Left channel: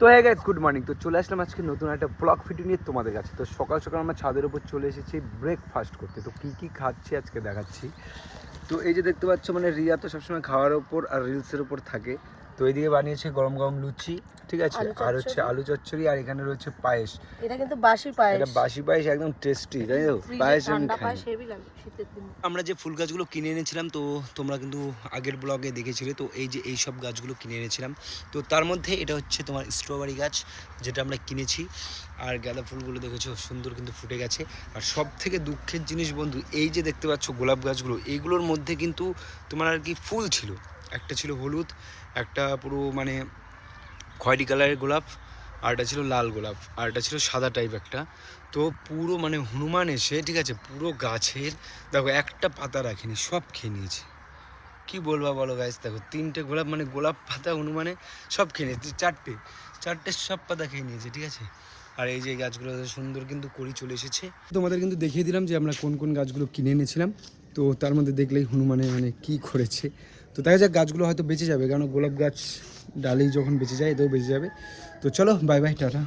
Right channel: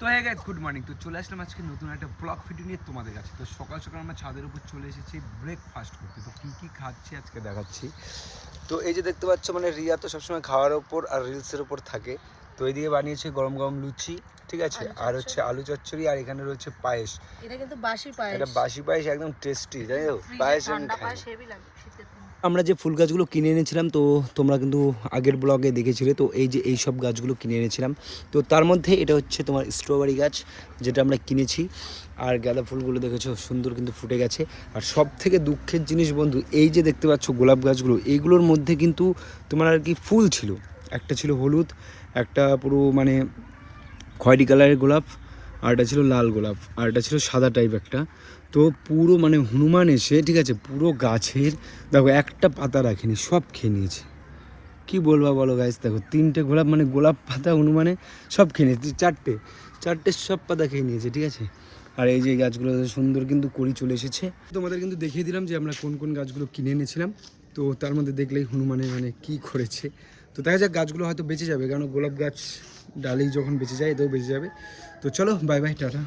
তো হ্যাঁ guys good morning তো চলে আসলাম আজকে নতুন একটা ব্লগ ভিডিও নিয়ে তোমাদের কাছে। তো সকাল সকাল আমরা ছাদের উপর চলে এসেছি ব্রেকফাস্ট করতে। তো কী কী খাচ্ছি আজকে দেখাচ্ছি। তো এই যে দেখতে পাচ্ছ মানে রিয়া তো সবসময় খাওয়ার ওপর আর রিলসের ওপর থাকে। তো এইদিকে বানিয়েছে গরম গরম লুচি ঠিক আছে? আর হচ্ছে আলু চচ্চড়ি আর এখানে রয়েছে পায়েস। এটা কিন্তু বাসি পায়েস। এটা বাসি পায়েস একদম টেস্টি তাই তো? পায়েস ঠান্ডা পায়েস হেভি লাগে শীতের দিনে। আমরা যে ফুল গাছগুলো কিনে এনেছিলাম তো তোমরা কিন্তু আগের ব্লগে দেখেছিলে তো এই যে এই সব গাছগুলো কিনে এনেছিলাম। তো তার মধ্যে এটা হচ্ছে তোমার স্ট্রবেরি গাছ যেটা আমরা কিনেছি। আর গাঁদা ফুলগুলো দেখেছ সুন্দর কিন্তু ফুটে গেছে। আর সব থেকে দুঃখের জিনিস বন্ধু এই যে দেখতে পাচ্ছ গোলাপ গাছগুলো এইগুলোর মধ্যে কিন্তু তোমার আর কি ফুল ছিল। একটা ছিল হলুদ, একটা পুরো মানে খয়েরি কালারের গোলাপ, আর একটা ছিল লাল গোলাপ, আর একটা ছিল সাদা টাইপ একটা। তো পুরো মানে হনুমান এসে, ঠিক আছে, পুরো গাছের, দেখো একটা পাতা রাখেনি, সব খেয়ে নিয়েছে। কি বলবা বলো গাছ দেখো, তিনটে গোলাপ মানে গোলাপ পাতা, হনুমানে সব খেয়ে নিয়েছে, চারটে চারটে সব পাতা খেয়ে নিয়েছে, ঠিক আছে? আর এই যে গাছগুলো সুন্দর কিন্তু করি চলে এসেছে। তোমাদের কিন্তু দেখিয়ে দিলাম যে আমরা কোন কোন গাছগুলো কিনে এনেছিলাম। তো তার মধ্যে দেখলেই হনুমানে মানে কি করেছে। তো দেখা যাক গাছগুলো হয়তো বেঁচে যাবে কারণ গোলাপ গাছ ডালি যখন বেঁচে যায় এতেও বেঁচে যাবে। তো চলো বাই বাই টাটা।